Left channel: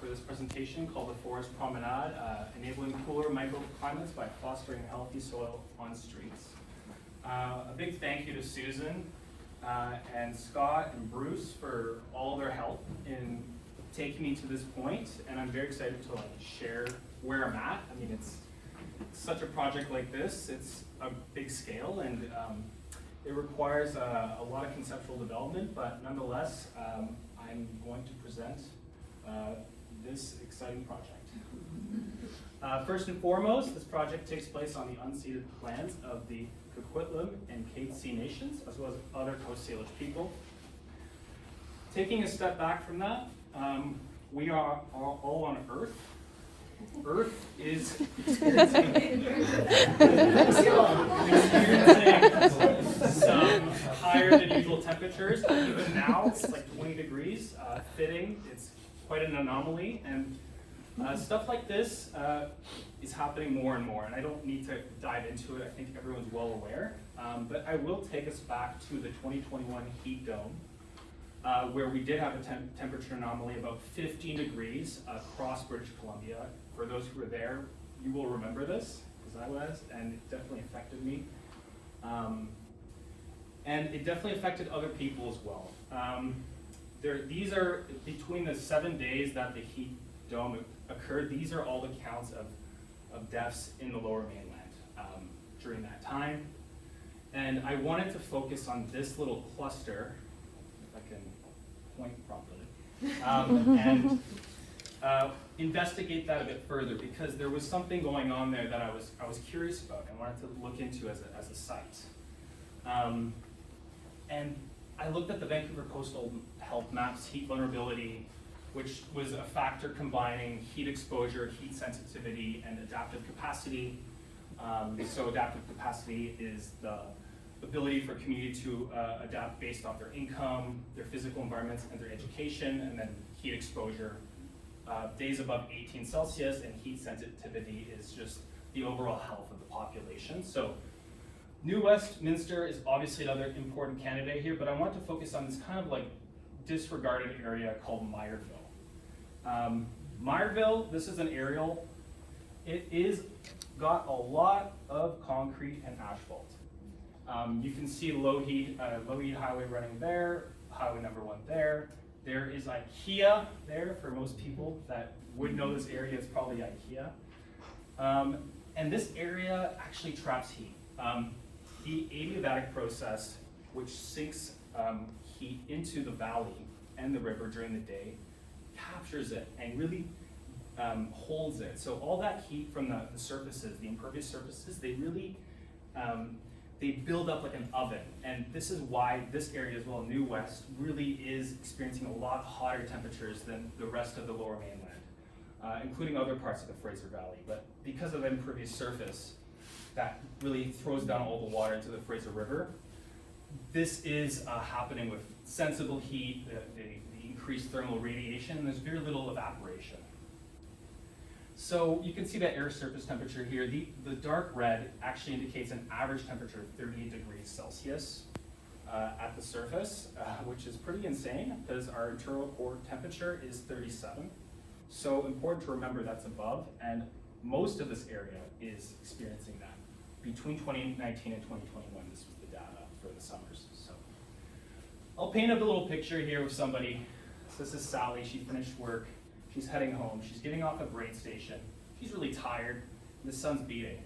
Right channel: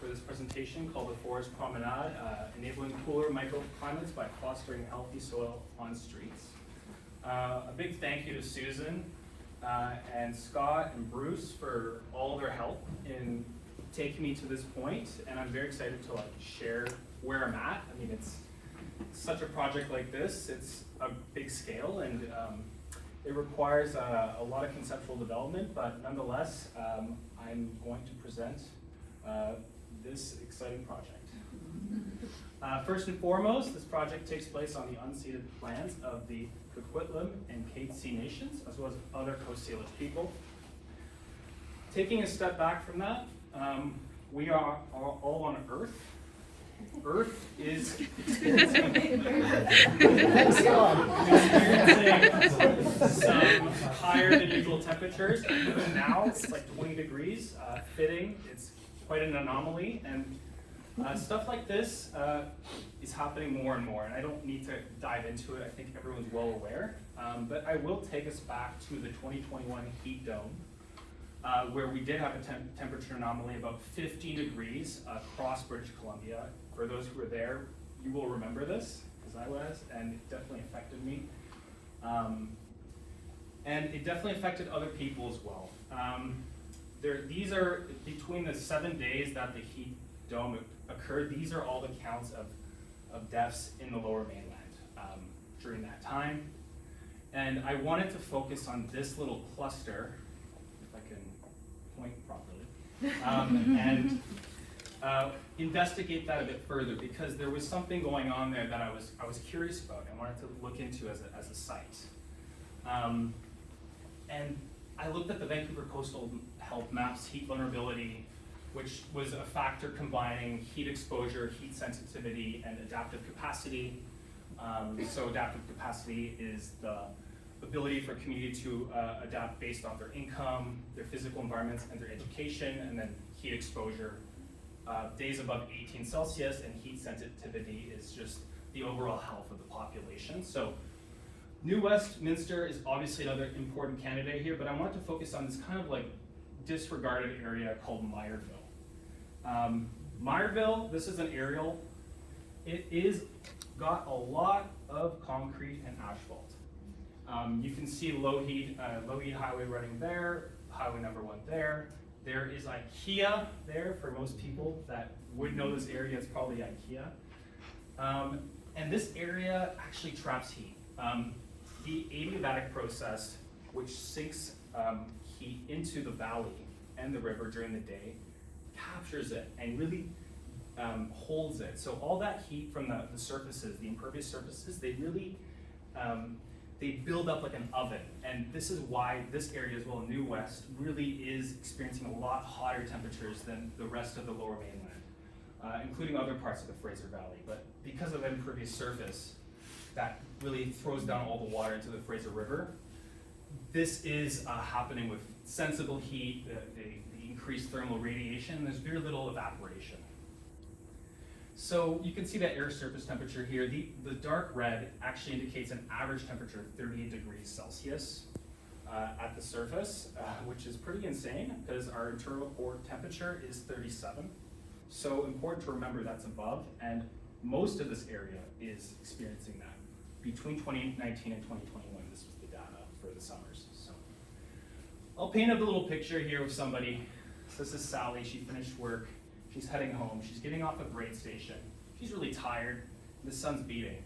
for this presentation called The Forest Promenade, Enabling Cooler Microclimates by Fostering Healthy Soil on Streets. A big thank you to Susan and Scott and Bruce for all their help in taking me to this point, and I'm very excited to share where I'm at. I mean, it's such a project like this, it's a big scale, and it requires a lot of conceptual development, but nonetheless, I'm going to present this exciting project. First and foremost, this project takes place on the unceded lands of the Coquitlam and Katzie Nations, as well as other Coast Salish people. Taking a step back from that, we are all on Earth. Earth is experiencing some higher than usual temperatures. Even now, it's like 20 degrees, fitting. It's quite an anomaly, and stuff like this is happening more and more, and I don't need to dive into it. I think everyone's well aware, but I will take us back to the 2021 heat dome, where we did have a temperature anomaly about 15 degrees across British Columbia. For those who were there, you will remember this, as I was, and it definitely affected me. And it definitely affected other people as well. These are, between the 7 days that the heat dome occurred, these are all the counts of deaths in the Lower Mainland during that time. And I wanted to focus on this little cluster, if I can point properly, and investigate that a bit further, because there was something going on there that I was curious about and wanted to look into as a site. And I looked at the Vancouver Coastal Health Maps heat vulnerability, which was a factor combining heat exposure, heat sensitivity, and adaptive capacity. So adaptive capacity is the ability for a community to adapt based on their income, their physical environments, and their education, and then heat exposure. Days above 18 Celsius, and heat sensitivity is just the overall health of the population. So New Westminster is obviously another important candidate here, but I want to focus on this kind of like disregarded area called Maillardville. Maillardville, this is an aerial. It is got a lot of concrete and asphalt. You can see low heat highway running there, highway number 1 there. There is IKEA there. For most people that would know this area, it's probably IKEA. And this area actually traps heat. The adiabatic process, which sinks heat into the valley and the river during the day, captures it and really holds it. So all that heat from the surfaces, the impervious surfaces, they really they build up like an oven, and this is why this area as well, New West, really is experiencing a lot hotter temperatures than the rest of the Lower Mainland, including other parts of the Fraser Valley. But because of the impervious surface that really throws down all the water into the Fraser River, this is happening with sensible heat, the increased thermal radiation, and there's very little evaporation. So you can see that air surface temperature here. The dark red actually indicates an average temperature of 38 degrees Celsius at the surface, which is pretty insane because our internal core temperature is 37. So important to remember that's above, and most of this area is experiencing that. Between 2019 and 2021, this was the data for the summers. So I'll paint up a little picture here of somebody. So this is Sally. She finished work. She's heading home. She's getting off a grain station. She's really tired. The sun's beating.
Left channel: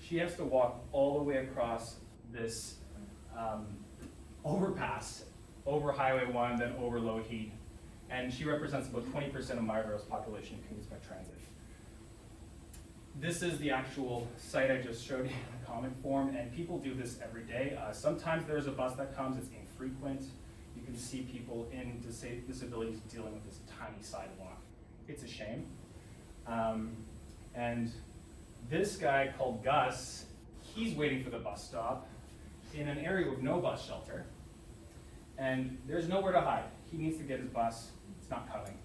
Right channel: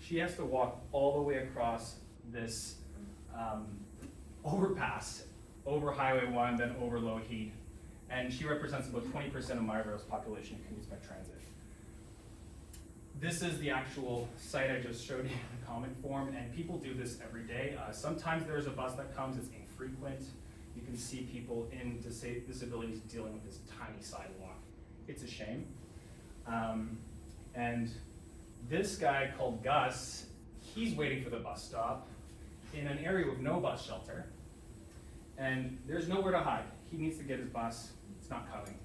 She has to walk all the way across this overpass, over Highway 1, then over low heat. And she represents about 20% of Maillardville's population who commutes by transit. This is the actual site I just showed you in comic form, and people do this every day. Sometimes there's a bus that comes, it's infrequent. You can see people in disabilities dealing with this tiny sidewalk. It's a shame. And this guy called Gus, he's waiting for the bus stop in an area with no bus shelter. And there's nowhere to hide. He needs to get his bus, it's not coming.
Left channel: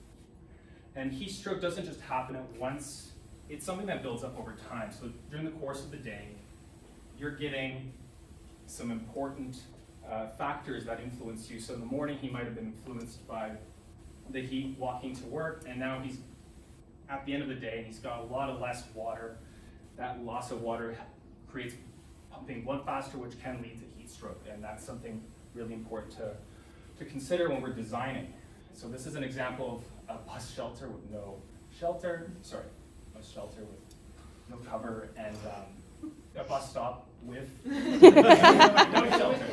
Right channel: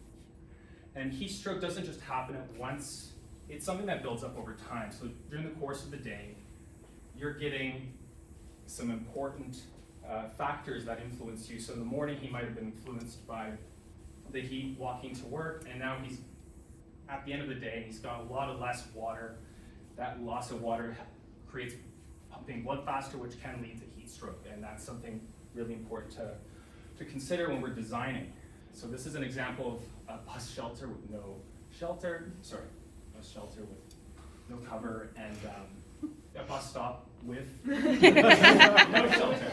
And heat stroke doesn't just happen at once, it's something that builds up over time. So during the course of the day, you're getting some important factors that influence you. So in the morning, he might have been influenced by the heat walking to work, and now he's at the end of the day, he's got a lot of less water. That loss of water creates pumping blood faster, which can lead to heat stroke, and that's something really important to consider when we're designing. So this is an example of a bus shelter with no shelter, bus shelter with no cover, and a bus stop with no shelter.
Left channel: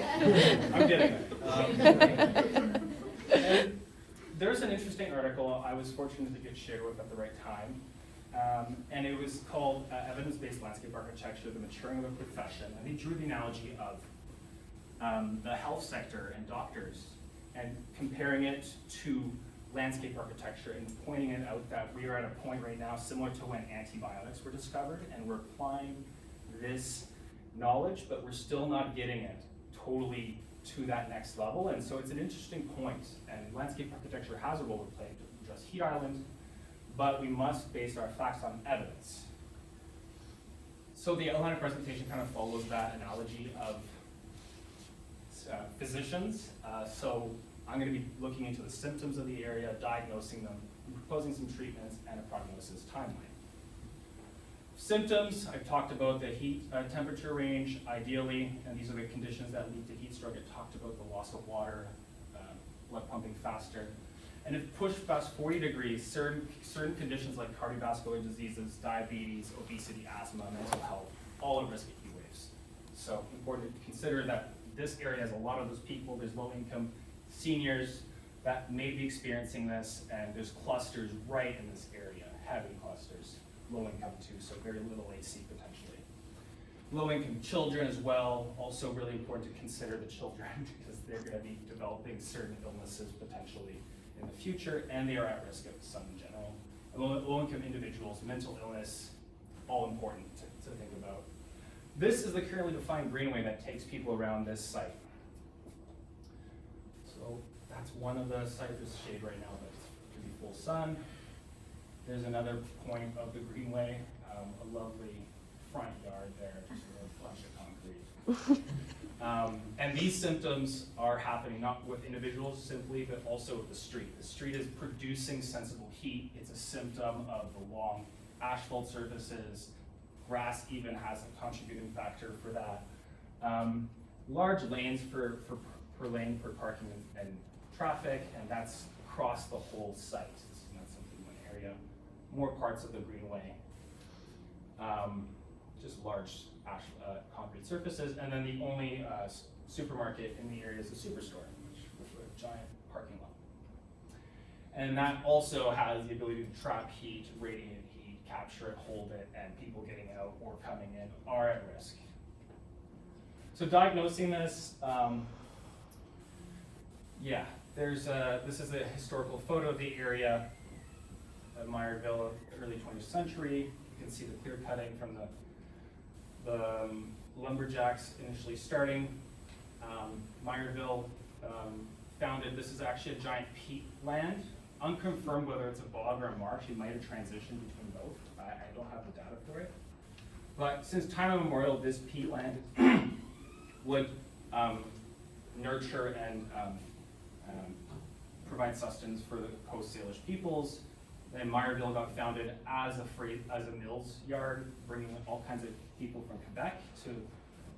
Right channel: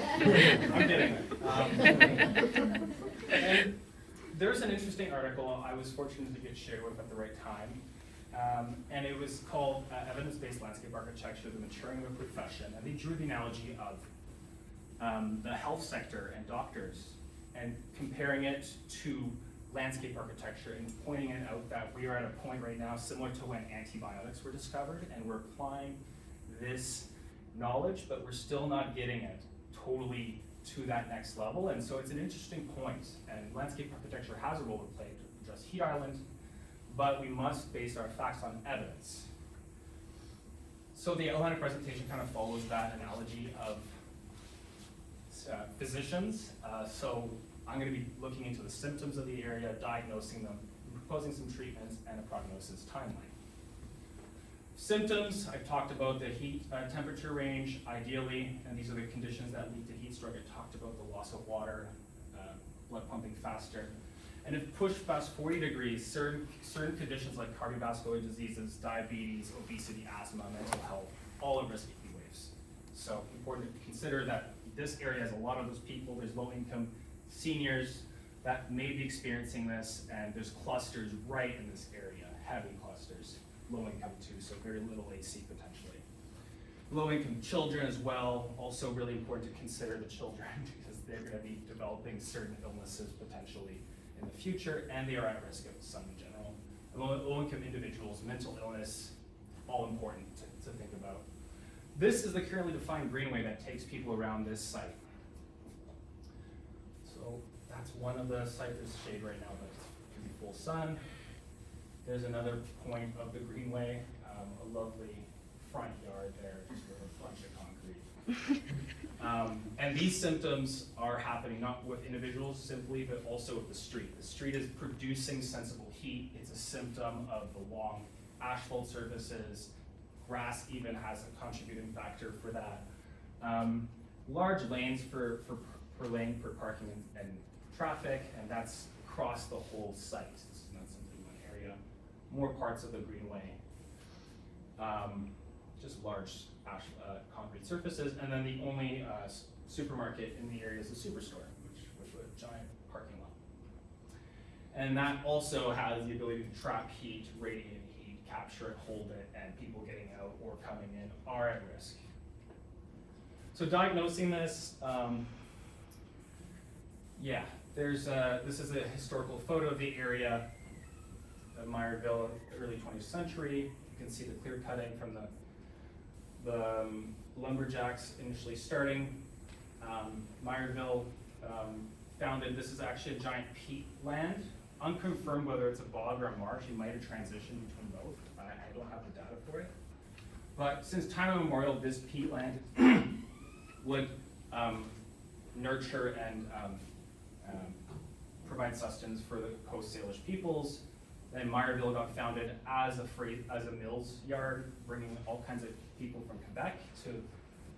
I'm kidding. And there's an interesting article I was fortunate to get shared with at the right time, and it was called Evidence-Based Landscape Architecture, the Maturing of a Profession, and they drew the analogy of the health sector and doctors, and comparing it to landscape architecture, and pointing it out that we are at a point right now similar to when antibiotics were discovered, and we're applying this knowledge, but we're still not getting it totally to that next level. And so it's an interesting point, and landscape architecture has a role to play to address heat island, but we must base our facts on evidence. So the outline presentation kind of follows that analogy of physicians. So I'm going to be looking into the symptoms of the area, diagnosing them, proposing some treatments, and a prognosis timeline. Symptoms, I've talked about the heat temperature range, ideally, and these are the conditions that lead to heat stroke. I talked about the loss of water, blood pumping faster. And if pushed past 40 degrees, certain conditions like cardiovascular diseases, diabetes, obesity, asthma, mental health, all at risk of heat waves. So important to consider that this area has a lot of those people. There's low income seniors that may be experiencing this, and there's clusters right in this area, heavy clusters, low income too, so very little AC potentially. Low income children as well, also really important to consider the children because they're going to be developing certain illnesses potentially in the future, and they are at risk of sun in general. Low income individuals, mental illness, all important to think about. This is the currently defined greenway that takes people around this site. So that's one of the sites. There's shade right now, but it could be full sun. There's another point of the greenway, a lovely front yard there, just a bunch of concrete. And these symptoms are happening not with individuals simply, but also with the street. The street is producing sensible heat. It's a symptom of the long asphalt surfaces. Grass even has a contributing factor for that. Large lanes per lane for parking and traffic, and that's across the whole site. It's not simply one area. More parts of the greenway, just large concrete surfaces, and then the only supermarket in the area is the superstore, with a giant parking lot. And that also has the ability to trap heat, radiate heat, capture it, hold it, and people getting out or coming in are at risk. So diagnosing this, this is a historical photo of the area of Maillardville, early 20th century. You can see the clear cutting from the lumberjacks initially starting. Maillardville founded, this is actually a giant peat land. Unconfirmed whether it's a bog or a marsh. You might have transitioned between both. I don't have the data for it. But since time immemorial, this peat land would nurture and provide sustenance for the Coast Salish peoples. Then Maillardville got founded as a mills yard, bringing all kinds of people from Quebec to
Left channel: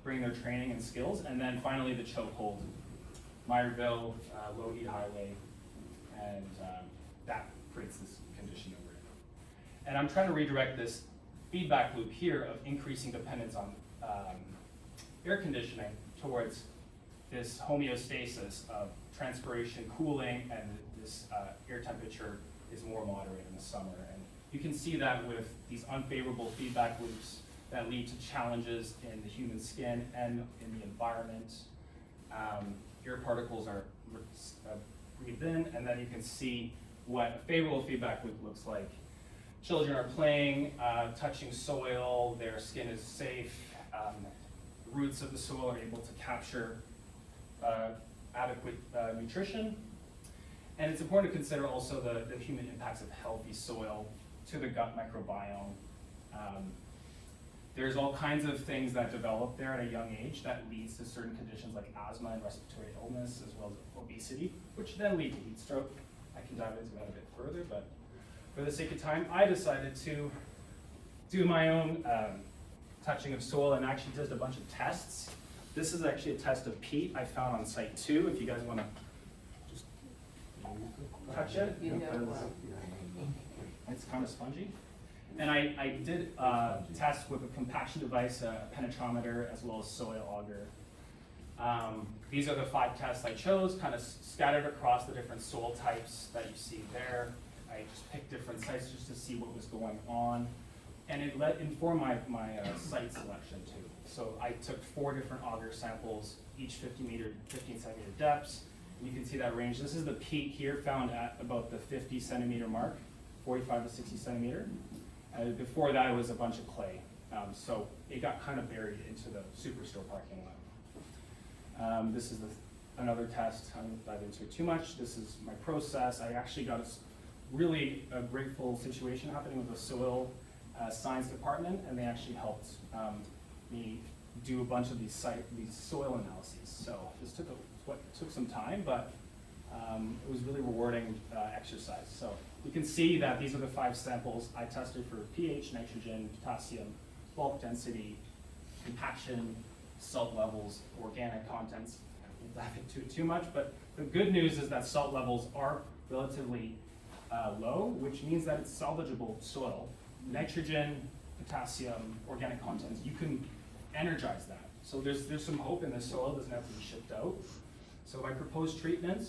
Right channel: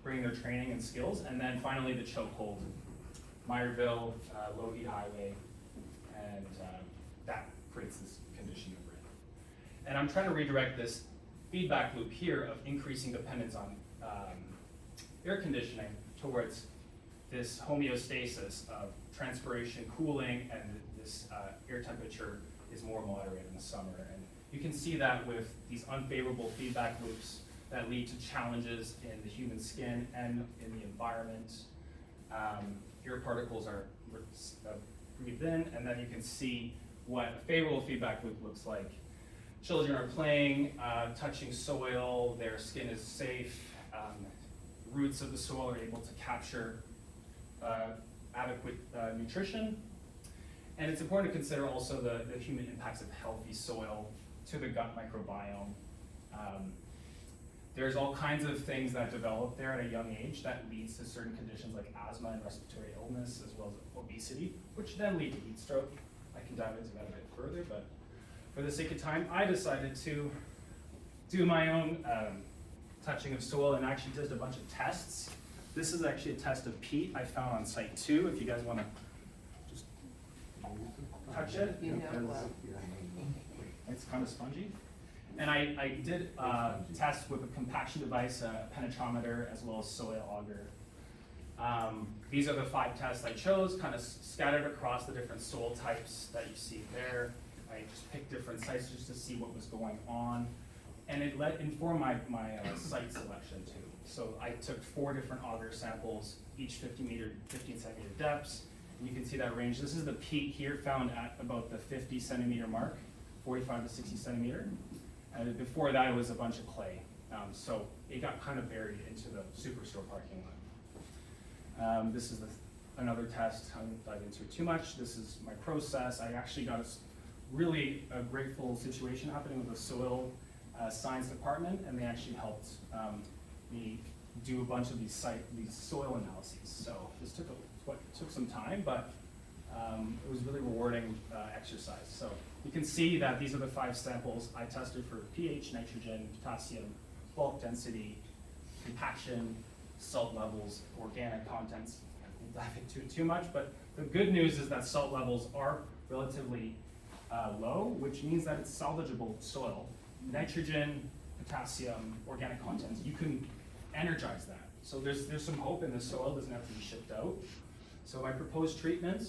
bring their training and skills. And then finally the chokehold, Maillardville, low heat highway, and that creates this condition over it. And I'm trying to redirect this feedback loop here of increasing dependence on air conditioning towards this homeostasis of transpiration cooling, and this air temperature is more moderate in the summer. And you can see that with these unfavorable feedback loops that lead to challenges in the human skin and in the environment. Air particles are breathed in, and then you can see what a favorable feedback loop looks like. Children are playing, touching soil, their skin is safe, roots of the soil are able to capture adequate nutrition. And it's important to consider also the human impacts of healthy soil to the gut microbiome. There's all kinds of things that develop there at a young age that leads to certain conditions like asthma and respiratory illness, as well as obesity, which then lead to heat stroke. I can dive into that a bit further, but for the sake of time, I decided to do my own touching of soil and actually did a bunch of tests. This is actually a test of peat I found on site 2, if you guys want to just touch it. It's kind of spongy. And I did test with a compaction device, a penetrometer, as well as soil auger. These are the 5 tests I chose, kind of scattered across the different soil types that you see there. I just picked different sites just to see what was going on. And it informed my site selection too. So I took 4 different auger samples, each 15 centimeter depths. You can see that range. This is the peak here, found at about the 50 centimeter mark, 45 to 60 centimeter. Before that, it was a bunch of clay. So it got kind of buried into the Superstore parking lot. This is another test. I won't dive into it too much. This is my process. I actually got a grateful situation happening with the soil science department, and they actually helped me do a bunch of these soil analyses. So this took some time, but it was really rewarding exercise. So you can see that these are the 5 samples I tested for pH, nitrogen, potassium, bulk density, compaction, salt levels, organic contents. I won't dive into it too much, but the good news is that salt levels are relatively low, which means that it's salvageable soil. Nitrogen, potassium, organic contents, you can energize that. So there's some hope in the soil, doesn't have to be shipped out. So my proposed treatments